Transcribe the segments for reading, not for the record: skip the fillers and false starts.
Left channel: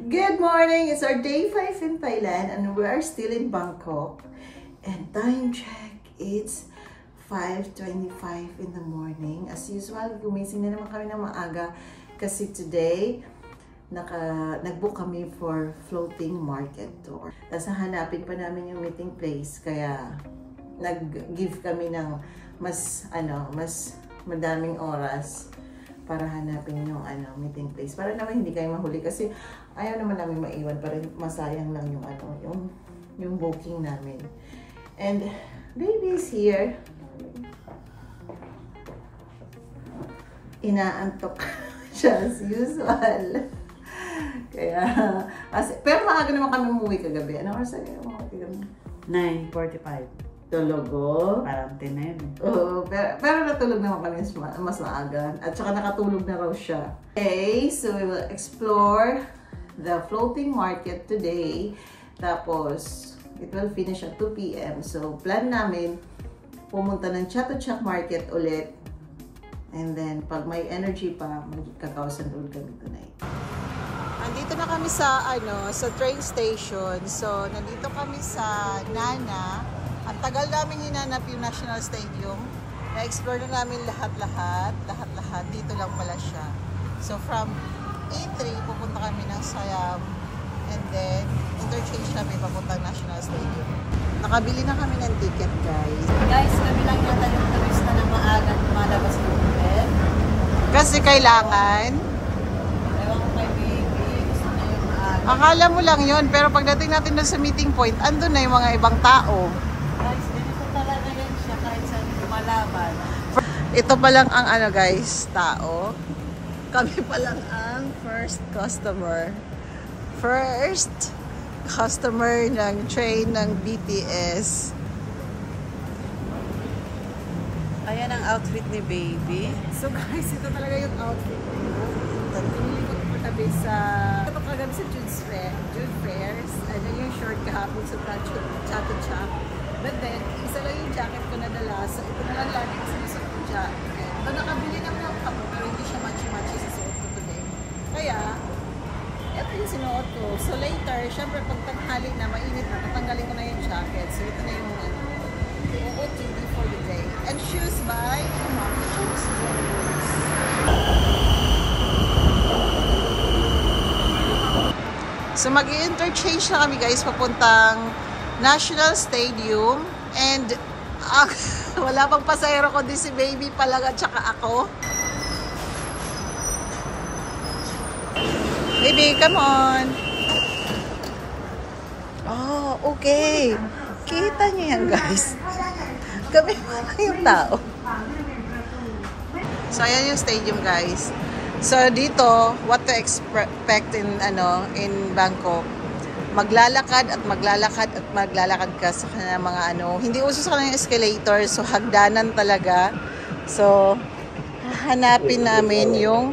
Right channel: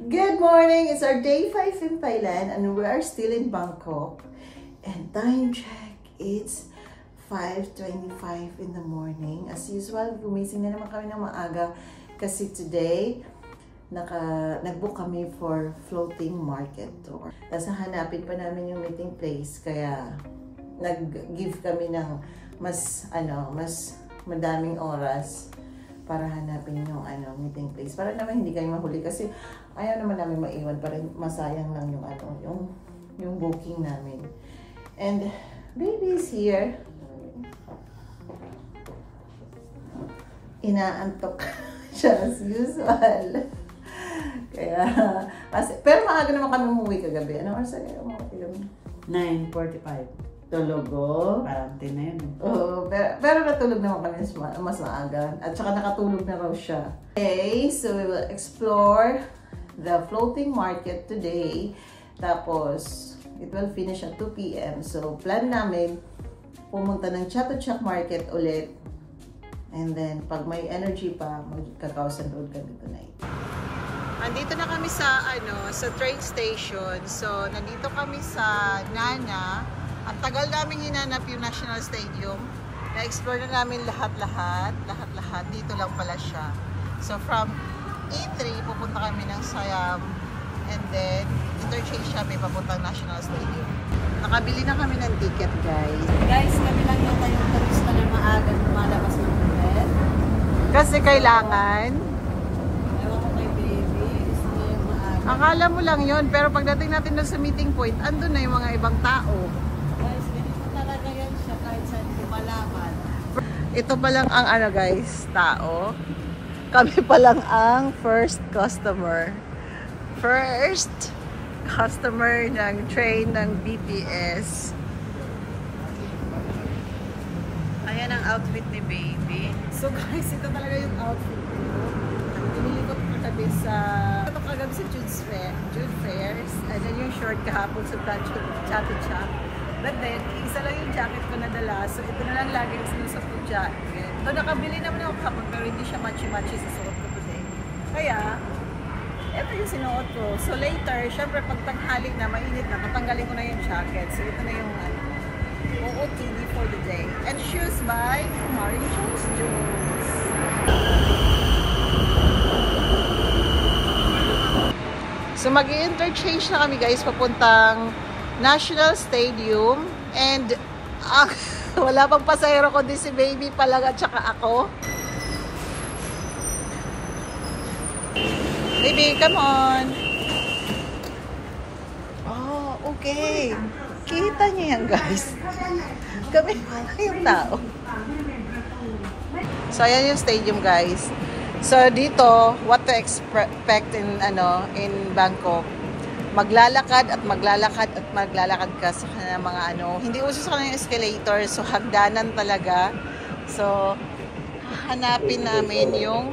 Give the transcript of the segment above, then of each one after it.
Good morning! It's our day 5 in Thailand and we are still in Bangkok. And time check, it's 5:25 in the morning. As usual, gumising na naman kami ng maaga kasi today, nag-book kami for floating market tour. Tapos hanapin pa namin yung meeting place kaya nag-give kami ng mas madaming oras para hanapin yung meeting place. Para naman hindi kayo mahuli kasi ayaw naman namin maiwan, para masayang lang yung booking namin. And baby is here. Inaantok siya as usual. Kaya, pero maaga naman kami umuwi kagabi. Anong oras na umuwi kagabi? 9:45. Tulogo. Parang 10 na yun. Oo, pero natulog naman kami mas maaga. At saka nakatulog na raw siya. Okay, so we will explore the floating market today. Tapos, it will finish at 2 p.m. So, plan namin pumunta ng Chatuchak Market ulit. And then, pag may energy pa, magkakausan road kami tonight. Andito na kami sa train station. So, nandito kami sa Nana. Ang tagal namin hinanap yung National Stadium. Na-explore na namin lahat-lahat. Dito lang pala siya. So, from E3, pupunta kami ng Siam. And then, interchange kami papuntang National Stadium. Nakabili na kami ng ticket, guys. Guys, kami lang yata yung turista na maagang lumalabas ng hotel. Kasi kailangan. Ewan ko kay baby. Gusto niya yung maaga. Akala mo lang yun. Pero pagdating natin doon sa meeting point, andun na yung mga ibang tao. Guys, ganito talaga yan siya kahit saan lumalaban. Ito pa lang ang guys, tao. Kami pa lang ang first customer. First customer ng train ng BTS. Ayan ang outfit ni baby. So guys, ito talaga yung outfit ko. Pinili ko po tabi sa kagabi sa Jude Fairs. Ayan yung short kahapon sa Chatuchak. But then, isa lang yung jacket ko nadala. So ito na lang lagi sinusot ko jacket. Though nakabili naman ako kahapon pero hindi siya matchy-matchy sa suot ko today. Kaya, ito yung sinuot ko. So later, syempre pag tanghali na, mainit na, tatanggalin ko na yung jacket. So ito na yung OOTD for the day. And shoes by Amari Shoes. So mag-i-interchange na kami guys papuntang National Stadium. And wala pang pasahero kundi si baby palang at saka ako. Baby, come on. Oh, okay. Kita niyo yan, guys. Kami yung tao. So, ayan yung stadium, guys. So, dito, what to expect in Bangkok. Maglalakad at maglalakad ka sa mga hindi uso sa kanyang escalator. So, hagdanan talaga. So, hahanapin namin yung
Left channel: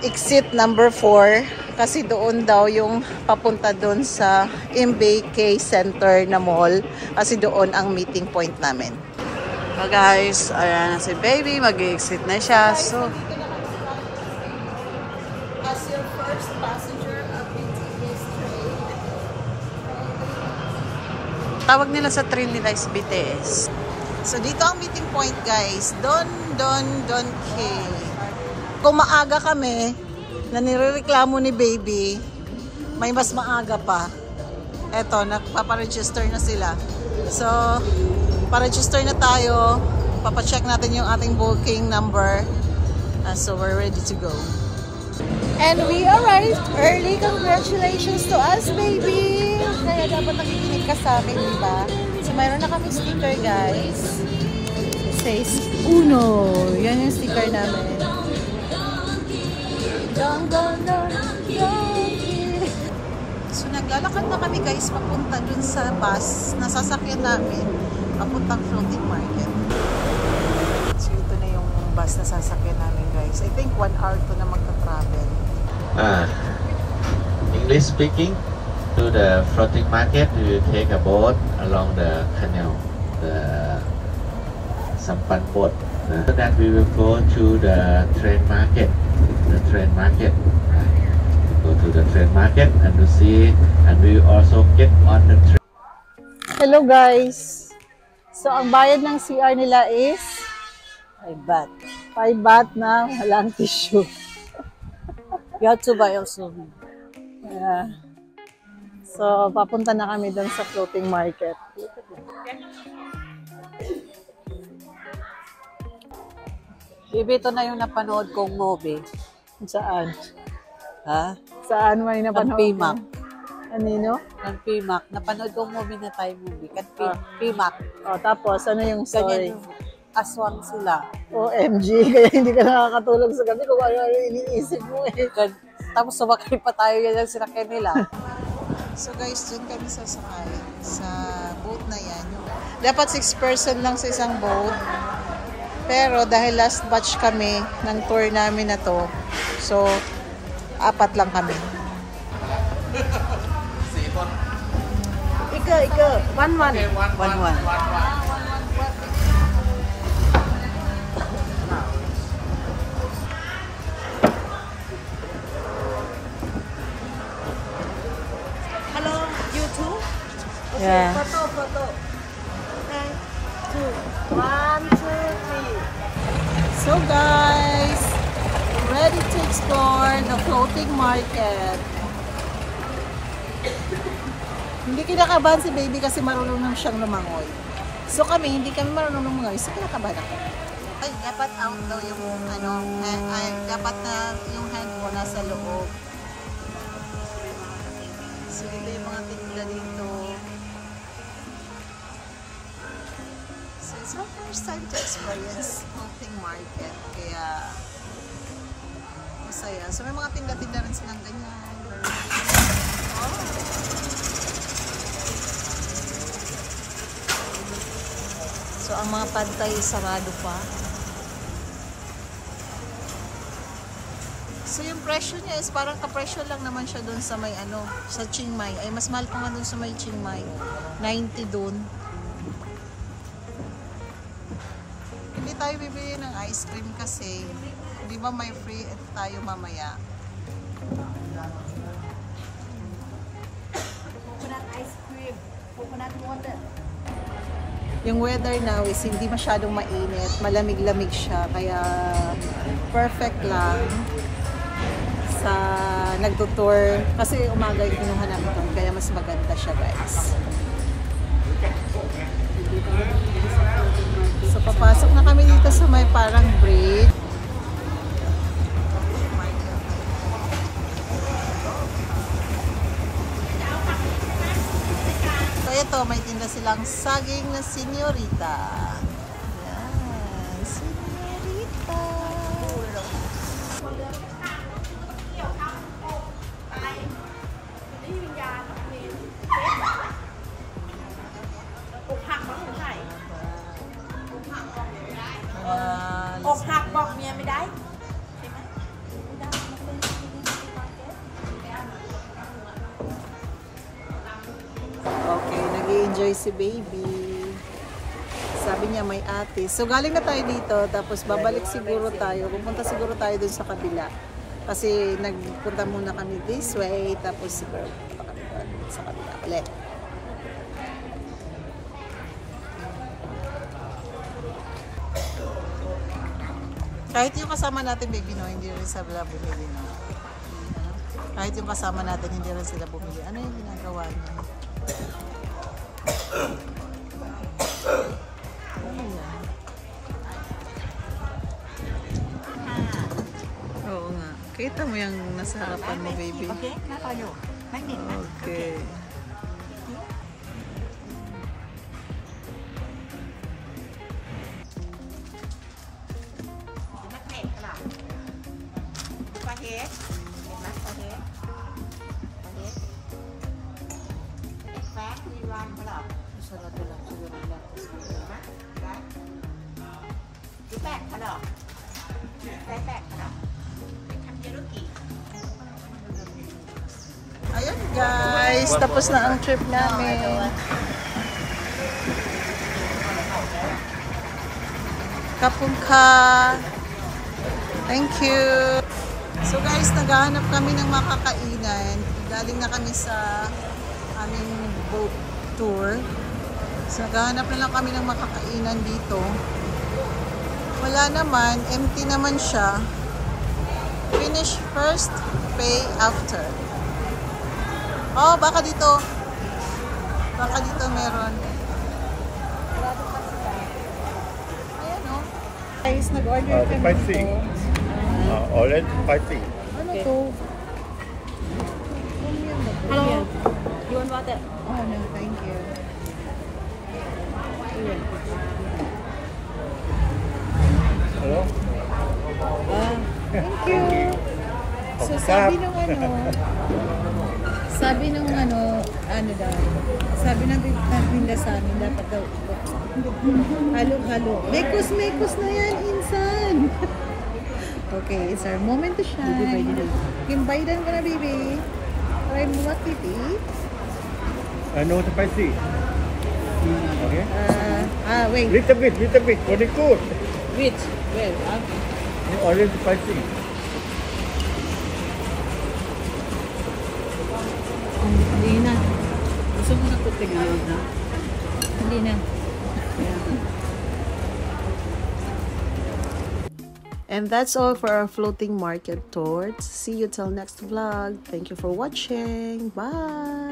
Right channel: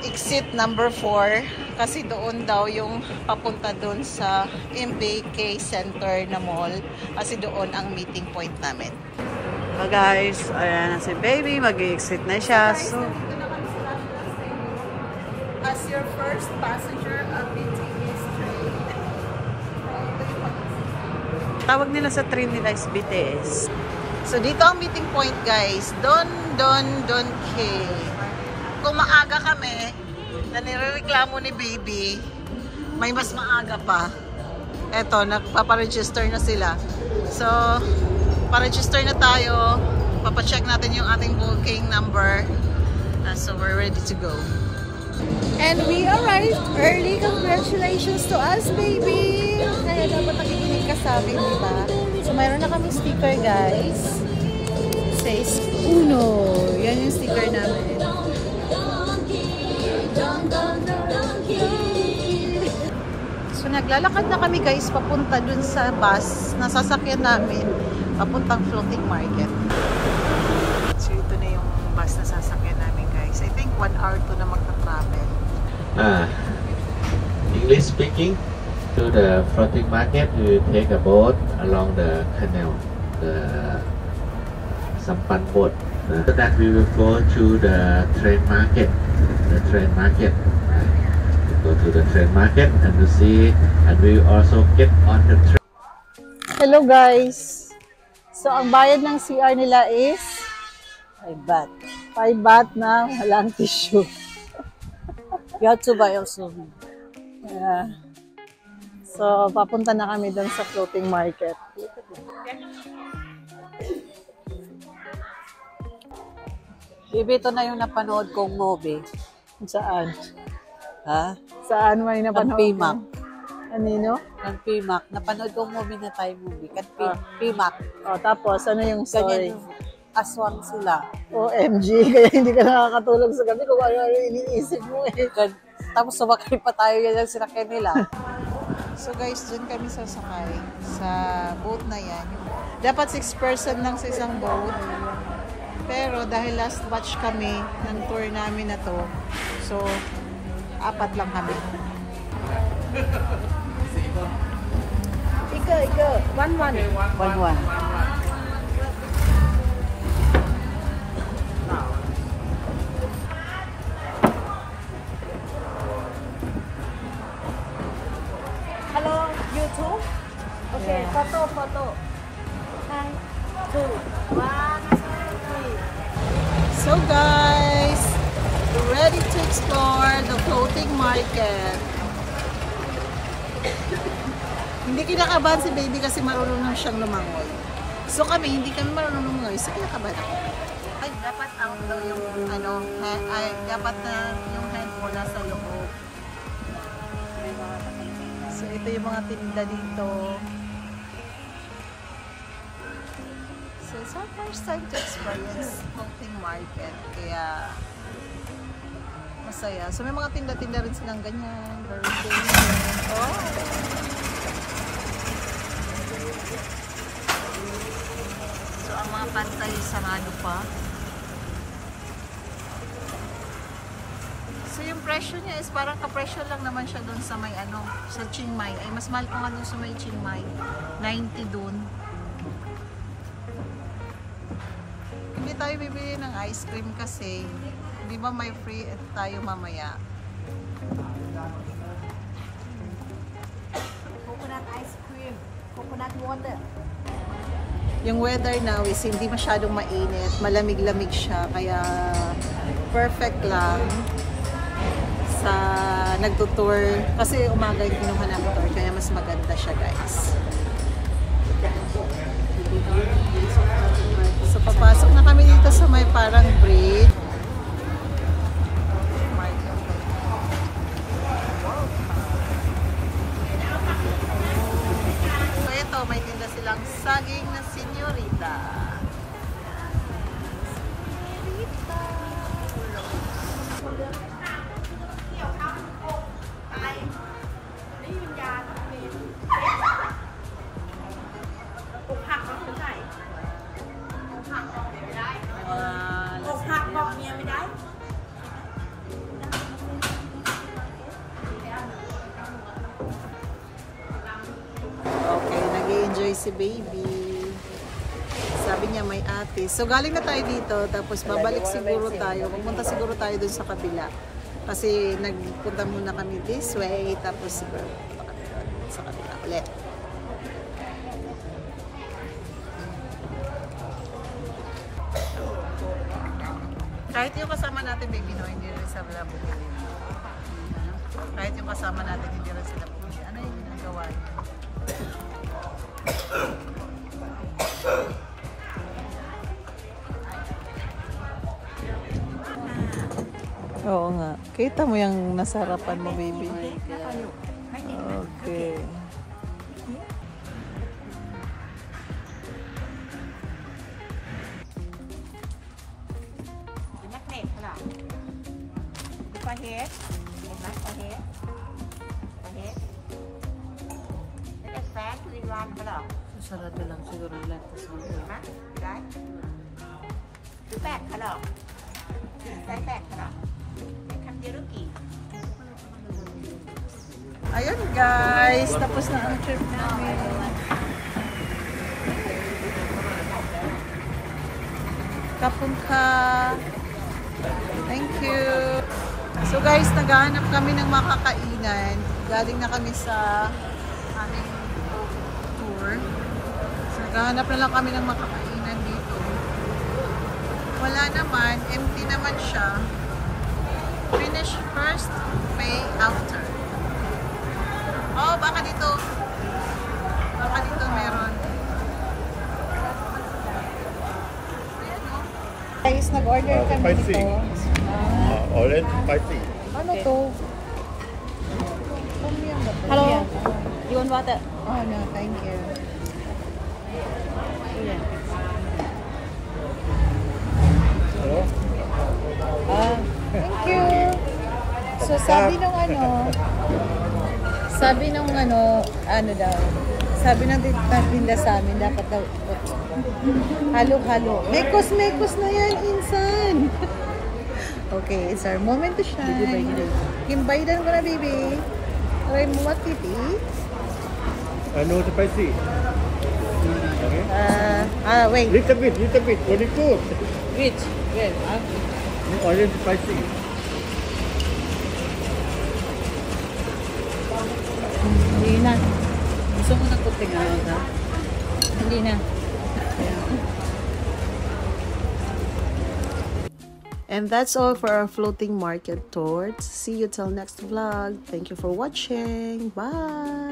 exit number 4 kasi doon daw yung papunta doon sa MBK Center na mall kasi doon ang meeting point namin. So guys, ayan na si baby, mag-exit na siya. So, as your first passenger of BTS train, tawag nila sa train nila is BTS. So dito ang meeting point guys, Don K. Kung maaga kami, na nirereklamo ni baby, may mas maaga pa. Eto, nagpaparegister na sila. So, paregister na tayo. Papacheck natin yung ating booking number. So, we're ready to go. And we arrived early. Congratulations to us, baby! Kaya dapat nakikinig ka sa akin, di ba? So, mayroon na kami sticker, guys. It says Uno. Yan yung sticker namin. So naglalakad na kami guys papunta dun sa bus na sasakyan namin papuntang floating market. So ito na yung bus na sasakyan namin guys. I think 1 hour to na magta-travel. English speaking, to the floating market we will take a boat along the canal, the Sampan boat. So that we will go to the train market. The train market. Go to the train market and to see, and we also get on the train. Hello guys! So, ang bayad ng CR nila is 5 baht. 5 baht na walang tissue. You have to buy also. Yeah. So, papunta na kami dun sa floating market. Bibi, ito na yung napanood kong movie. Saan? Ha? Saan may napanood? Ng PMAC. Anino? Ng PMAC. Napanood kong movie na Thai movie. PMAC. O, tapos, ano yung story? Ganyan, aswang sila. OMG, kaya hindi ka nakakatulog sa gabi kung ano iniisip mo eh. Tapos sumakay pa tayo yan ang sinakay nila. So guys, dun kami sasakay sa boat na yan. Dapat 6 person lang sa isang boat. Pero dahil last batch kami ng tour namin na to, so 4 lang kami. Ika, 1-1. 1-1. Yeah. So guys, ready to explore the floating market. Hindi kinakabahan si baby kasi marunong siyang lumangoy. So kami, hindi kami marunong lumangoy. So kinakabahan ako. Ay, dapat out daw yung ano, dapat na yung hand mo nasa loob. So ito yung mga tinda dito. So, first time to experience floating market. Kaya, masaya. So, may mga tinda-tinda rin silang ganyan. Oh! So, ang mga pantay sarado pa. So, yung presyo niya is parang kapresyo lang naman siya doon sa may ano, sa Chiang Mai. Ay, mas mahal pa nga doon sa may Chiang Mai. 90 doon. Hindi tayo bibili ng ice cream kasi di ba may free tayo mamaya. Coconut ice cream, coconut water. Yung weather now is hindi masyadong mainit, malamig-lamig siya kaya perfect lang sa nagtutour kasi umaga yung kinuha namin tour kaya mas maganda siya guys. So, papasok na kami dito sa may parang bridge. So, ito, may tinda silang saging na senyorita. Okay, nag-i-enjoy si baby. Sabi niya may ate. So, galing na tayo dito. Tapos, babalik siguro tayo. Pupunta siguro tayo dun sa kabila. Kasi, nagpunta muna kami this way. Tapos, siguro pupunta kami dun sa kabila ulit. Kahit yung kasama natin, baby, no, hindi rin sila bumili. No? Kahit yung kasama natin, hindi rin sila bumili. Ano yung ginagawa niya? Oo nga. Kita mo yung nasarapan mo, baby. Okay. Ayun guys, tapos na ang trip namin. Kapungka. Thank you. So guys, naghahanap kami ng makakainan. Galing na kami sa aming boat tour. So naghahanap na lang kami ng makakainan dito. Wala naman, empty naman siya. Finish first, pay after. Oh, baka dito. Baka dito meron. Ayan o. Guys, nag-order kami dito. Orange spicy. Ano to? Hello? You want water? Oh, no, thank you. Thank you. So, sabi ng daw, sabi ng tinda sa amin, dapat daw, halo-halo. Mekos na yan, insan. Okay, it's our moment to shine. Yung baidan ko na, baby. Try mo what it is. No spicy. Wait. Little bit. Very good. Which? Where? Orange spicy. Hindi na. Gusto mo na puting araw na? Hindi na. Kaya And that's all for our floating market tour. See you till next vlog. Thank you for watching. Bye!